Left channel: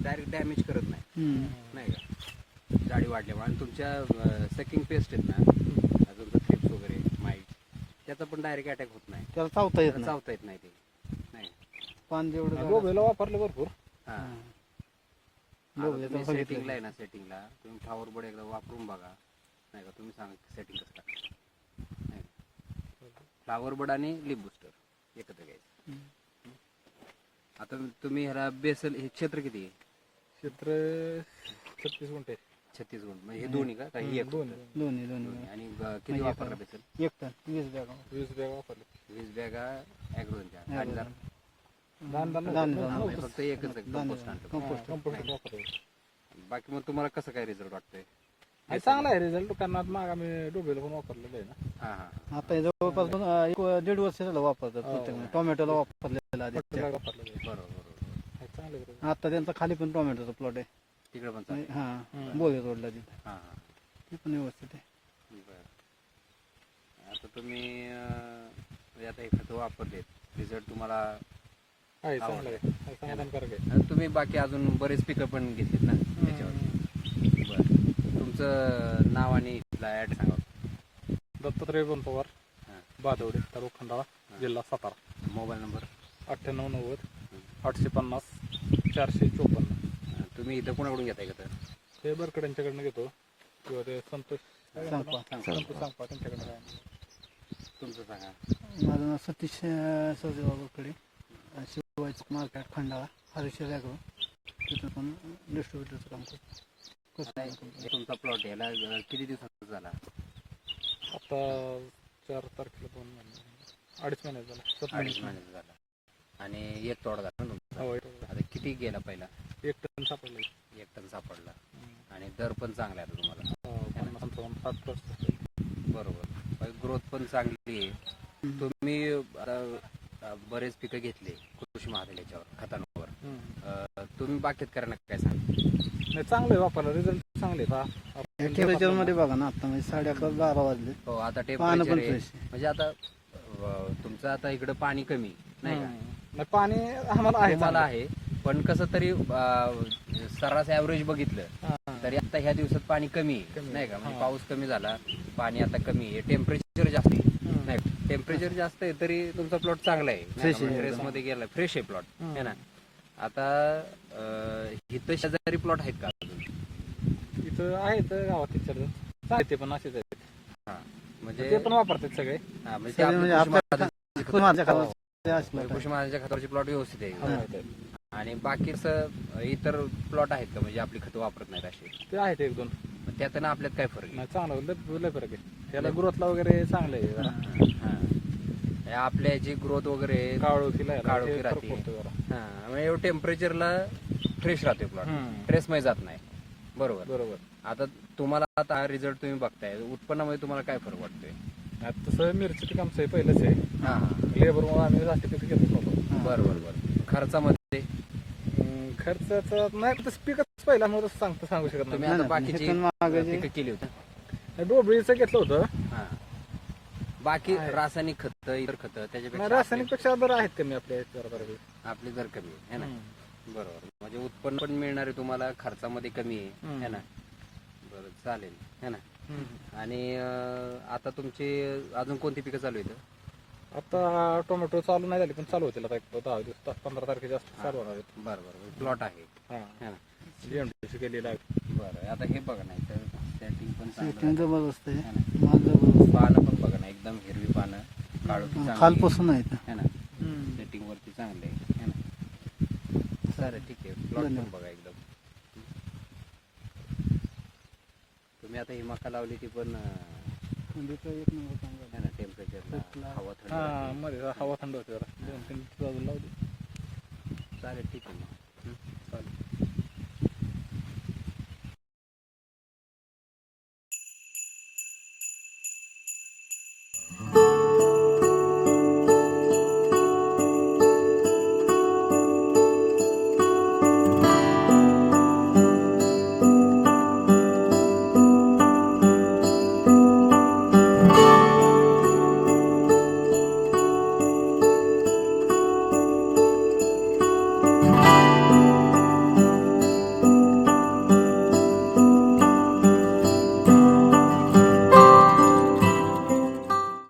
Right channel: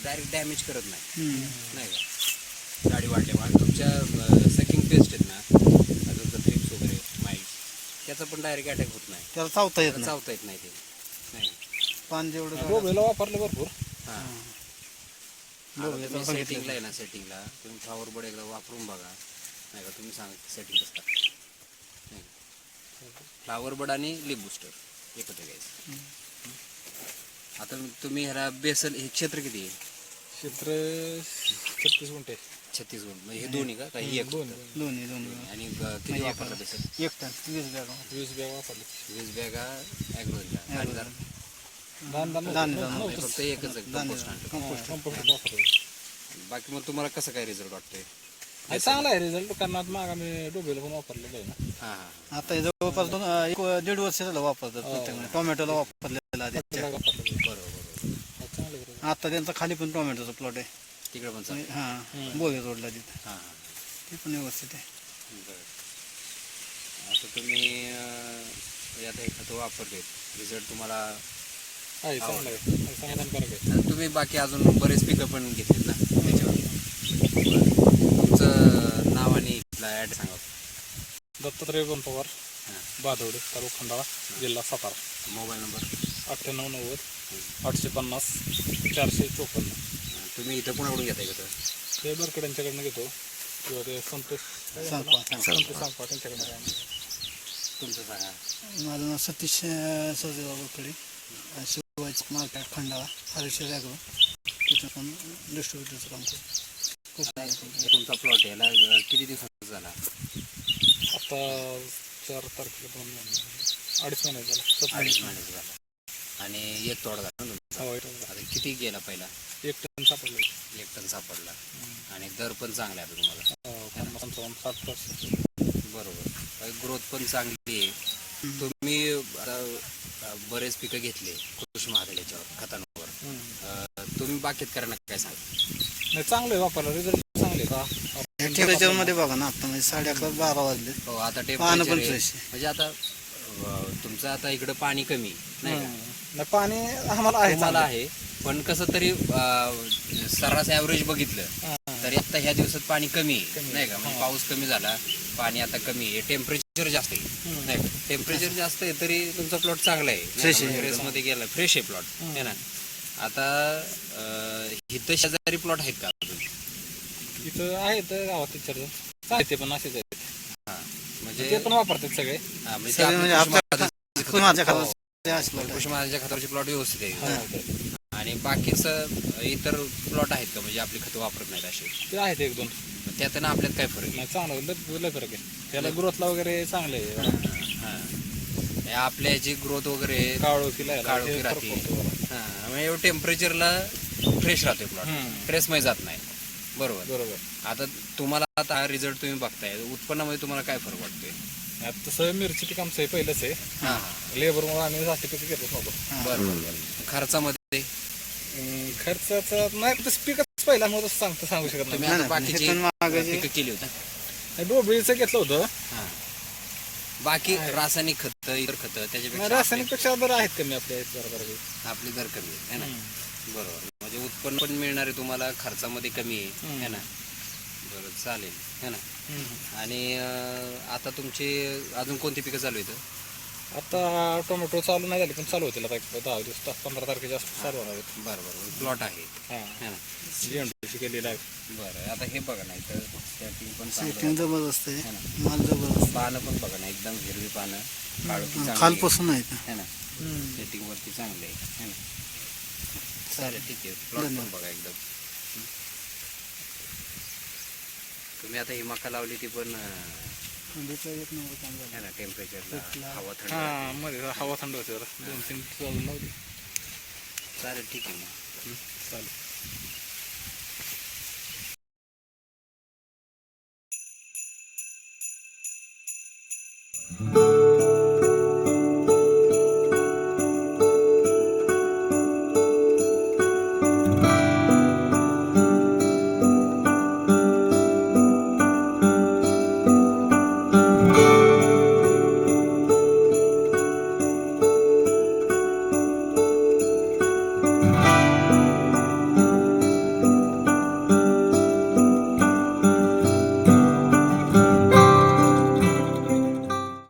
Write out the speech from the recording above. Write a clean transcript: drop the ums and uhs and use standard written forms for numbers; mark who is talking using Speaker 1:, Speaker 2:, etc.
Speaker 1: Direct damage करत नाही, नाही का. जाडी वाढल्यामुळे आणि तुमच्या सकिंग पेस्ट आहेत ना, तुमचं थ्रिप्स वगैरे माईट, त्याचा पण डायरेक्ट अटॅक होत नाही,
Speaker 2: त्याला चावता येत
Speaker 1: त्याला
Speaker 2: नाही.
Speaker 1: चावता येत नाही ते, नाही.
Speaker 2: पान जेवढं
Speaker 3: डोबेला वापरले भरपूर.
Speaker 1: हां,
Speaker 2: बघूया
Speaker 1: आता तुम्ही
Speaker 2: बघितलं.
Speaker 1: सेटिंगला आहे ना, सेटिंगला तुम्ही फ्लॉवर बोर्ड एकदा वापरून बघा, नाही का. तुम्ही सांगा सेटिंग कसं काय, नाही का. फ्लॉवर बोर्ड आणि लिप बुस्टर एकत्र घ्यायचं. आता तुम्ही ह्याला बेसल हे क्षेत्र किती आहे?
Speaker 3: क्षेत्र 36 गुंठे.
Speaker 1: 36 गुंठ म्हणजे हे दोन्ही का काही एक
Speaker 3: दोन
Speaker 1: फक्त?
Speaker 2: दोन्ही
Speaker 1: दोन्ही. आणि किती वापरला बेसल?
Speaker 2: 1 टन 20 बॅग
Speaker 3: 20 बॅग वापरले.
Speaker 1: 20 बॅगा ॲग्रोनच्या दाणेदार
Speaker 3: दाणेदार
Speaker 1: फक्त एकच कंपोस्ट आणलं.
Speaker 3: कंपोस्ट वापरतो.
Speaker 1: बाकी मग तुम्हाला कसं काय रिझल्ट वाटतोय?
Speaker 3: आणि चांगला आहे रिझल्ट, कारण आता माग आम्ही डोबेला पण वापरलेलं आहे ना.
Speaker 1: हां हां.
Speaker 2: आता हे जवळपास 1.5 वर्ष झालं वापरतात प्रत्येक टोमॅटोला वापरलेला आधी.
Speaker 3: वापरलेलं
Speaker 1: बरोबर.
Speaker 3: चांगलं आहे.
Speaker 2: आता त्यांचा खाली पण टोमॅटोचा प्लॉट आहे.
Speaker 1: तिकडे पण चालेल.
Speaker 2: हां बोले रोडला तिथे
Speaker 1: हां हां.
Speaker 2: ती पण व्यवस्थित आहे.
Speaker 1: बरं. आता तुम्ही आता हे खतं वापरले, रिझल्ट तुम्हाला
Speaker 3: आहे चांगलं आहे, समाधानकारक आहे.
Speaker 1: आता तुम्ही बाकी अजून बरेच पिकं पण घेतलीत ना त्याच्यावर. तुमचं नाव आणि इथला ॲड सांगा.
Speaker 3: दत्तात्रय बन पवार,
Speaker 1: हां.
Speaker 3: बादवडे, तालुका खंडाळा, जिल्हा सातारा.
Speaker 1: Mobile number?
Speaker 3: 9890 850 454.
Speaker 1: तुम्ही इथं कोणाकडून घेताय का?
Speaker 3: ते बरकड्यांच्याकडनं घेतो किंवा ते संतोष
Speaker 2: सांगपा.
Speaker 3: सांगपा त्यांच्याकडनं.
Speaker 1: तुमचं सांगा.
Speaker 2: माझं नाव सतीश सौदेवाकडे, शिवाजी मार्केट खंडाळा, हरीश्वर ॲग्रो, तिथं पण डिस्ट्रीब्युटरचं काम करतो.
Speaker 1: तुमचा प्लॉट याला किती दिवसाचा झाला?
Speaker 3: आता 4 तारखेला 2 महिने, 2.5 महिने झाला. 7
Speaker 1: अडीच
Speaker 3: महिने.
Speaker 1: महिन्याचा झाला. आणि एक तोडा झाला ना तुमचा?
Speaker 3: हो,
Speaker 1: आता किती गेला पहिला?
Speaker 3: 1 टन सापडलं.
Speaker 1: 1 टन सापडला. आणि दर पण चांगला आहे आता तुम्हाला.
Speaker 3: 50-55-60%.
Speaker 1: बरोबर. ग्रोथ पण चांगली आहे. तुम्ही आता बरेच पिकं घेतले कृषी महादेव याच्यावर खतांवर. तुम्ही बाकीत करणार काय सांगा?
Speaker 3: नाही चांगलं आहे वापरला, रिझल्ट चांगले का.
Speaker 2: टेम्परेचरमध्ये बघा ना, आता म्हणजे 11:30-12 वाजले.
Speaker 1: हो, आता
Speaker 2: पानं पण
Speaker 1: टेम्परेचर
Speaker 2: fresh आहे.
Speaker 1: म्हणजे आता तुमचं आता इकडं पाणी कमी नाही का?
Speaker 3: नाही पाणी आम्हाला आहे
Speaker 1: तुम्हाला आहे, पण कसं तरी सर्रास ॲव्हरेज बघितलं
Speaker 3: हां.
Speaker 1: तरी आता ह्या दिवसात पाणी कमी आहे,
Speaker 3: कमी
Speaker 1: नाही का. म्हणजे
Speaker 3: हां.
Speaker 1: पाऊस कमी झाला, पाणी आता कमी आहे, टेम्परेचर जास्त आहे, नाही का. टेम्परेचर जास्त आहे तरी तुमचा प्लॉट चांगला आहे, फ्रेशमध्ये गेला, फ्रेश आहे प्लॉट आहे ना. आता इथं शेजारी प्लॉट आहेत का अजून?
Speaker 3: इथं आहेत गावात विचार चालते, पण असेच आहेत.
Speaker 1: हां, म्हणजे
Speaker 3: ते पण वापरतात सगळे.
Speaker 1: हां, म्हणजे
Speaker 2: सगळे म्हणजे आपल्या माझ्या
Speaker 1: हो.
Speaker 2: खात्यात असलं
Speaker 1: कृषी महाराजांच्या खतावरचे प्लॉट व्यवस्थित आहे.
Speaker 3: हो.
Speaker 1: आणि बाकीचं इतर प्लॉट आहेत का म्हणजे आपली खतं वापरत नाहीत असे?
Speaker 3: ते आहेत 1-2.
Speaker 1: मग त्यात ना आपल्यात काय फरक आहे?
Speaker 3: नाही चांगलं, लय फरक आहे. त्याला ग्रोथला वगैरे चांगलं आहे.
Speaker 1: हां, आपल्या याची ग्रोथ वगैरे
Speaker 3: काळोखीला
Speaker 1: काळोखी राहते. हां, म्हणजे एवढं टेम्परेचरला फ्रेश राहते प्लॉट, फ्रेशमध्ये जात नाही. बरोबर.
Speaker 3: बरोबर.
Speaker 1: आता तुम्हाला आता हा रिझल्ट तुम्ही बघताय, उत्पन्नामध्ये तुम्हाला काय फरक वाटतोय?
Speaker 3: आता तसं मिरची पीक आमचं पहिलंच आहे.
Speaker 1: हां हां.
Speaker 3: लेबरमुळे आम्ही जास्त पिकं घेतो नव्हतो.
Speaker 1: बरोबर बरोबर. खर्चामध्ये
Speaker 3: खर्चाचा नाही, तसं पिकच पहिला मग तसं सांगू शकत
Speaker 1: तुम्ही
Speaker 3: नाही.
Speaker 1: आता बाकीची
Speaker 2: हे पण मागं
Speaker 1: पिकं केली होती?
Speaker 3: डोबळीचं घेतलं होतं.
Speaker 1: हां. बाकी रासायनिक खतं, इतर खतं
Speaker 3: नाही,
Speaker 1: त्याच्यापेक्षा
Speaker 3: रासायनिक पेक्षा दर आहेत कमी आपल्या
Speaker 1: आपली दर कमी आहे ना. बरोबर. म्हणजे उत्पन्न पण मिळणार आहे तुम्हाला, खर्चामध्ये कमी आहे ना. बरं, चालेल है ना. आणि आता तुमची अजून कोणती पिकं चालू आहेत?
Speaker 3: आता टोमॅटो चालू नाही झाली, पण चालू होतील आता 10 दिवस, 15 तारखेच्या आसपास चालू होणार आहेत.
Speaker 1: बरं बरं. प्लॉट आहे
Speaker 3: हां,
Speaker 1: है ना.
Speaker 3: GMDC केलेलं आहे.
Speaker 1: बरं. आता हे बघा नाही तर सेटिंग पण चांगलं
Speaker 2: सेटिंग जबरदस्त आहे,
Speaker 1: आहे ना.
Speaker 2: माल जबरदस्त
Speaker 1: पानं पण बघा ना, एकदम हिरवी पानं, काळोखी चांगली
Speaker 2: खालपासून आहे
Speaker 1: आहे ना. सेटिंग वरती चांगलं आहे है ना. चालेल, ठीक आहे. प्लॉट पण बघा एकदम. तुम्ही आता ही मका लावली ती पण
Speaker 2: थंडीचा 1 नंबर काम झालं.
Speaker 1: आहे ना. टेम्परेचरला हवा थंड
Speaker 3: हां,
Speaker 1: राहते.
Speaker 3: मध्ये हवा थंड होती जरा, 2-3 दिवस लावली.
Speaker 1: चालेल, ठीक आहे मग.